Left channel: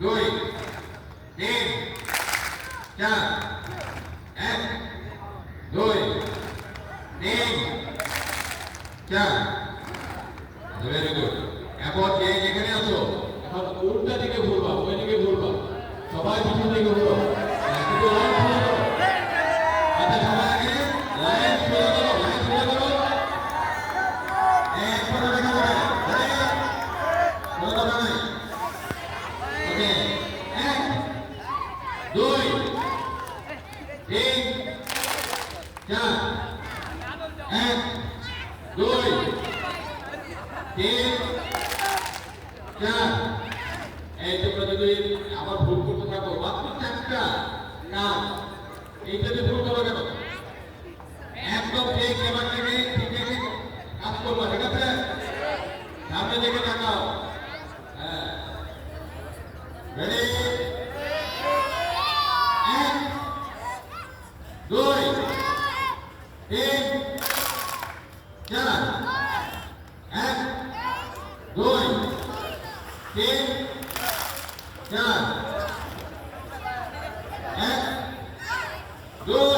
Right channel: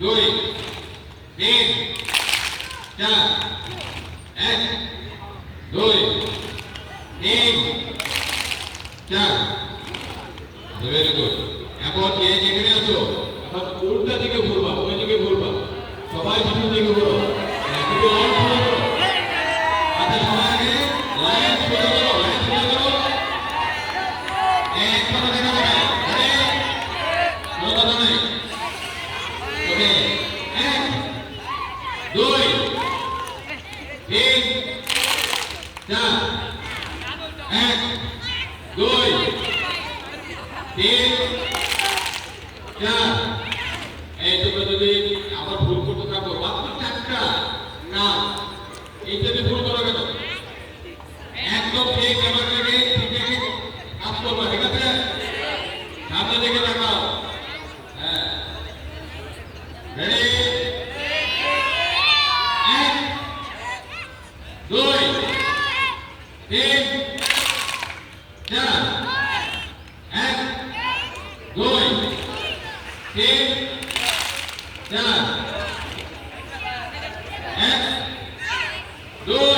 দুই তিন চার এক দুই তিন চার ভেরি গুড এখন যে যেখানে আছো এখন উল্টা দিকে ঘুরবা ওই দিকে ঘুরবা সবাই পিছন দিকে ঘুরো কিন্তু লাইন ফলো করো আচ্ছা সবাই আগে লাইন ফলো করো লাইন ফলো করো এক কথা দেখা যাবে কোনো কথা নাই ওকে এক দুই তিন চার এক দুই তিন চার এই তোমরা যদি আবার ভুল করতে থাকো মাত্র চারটা কাজ এই যদি ভুল করো কেন একদম ঠিক ক্যামেরাটাকে ঠিক রেখে কাজ করবা ঠিক আছে সামনে দিকে তাকাও হ্যাঁ রেডি এক দুই তিন চার এক দুই তিন চার এক দুই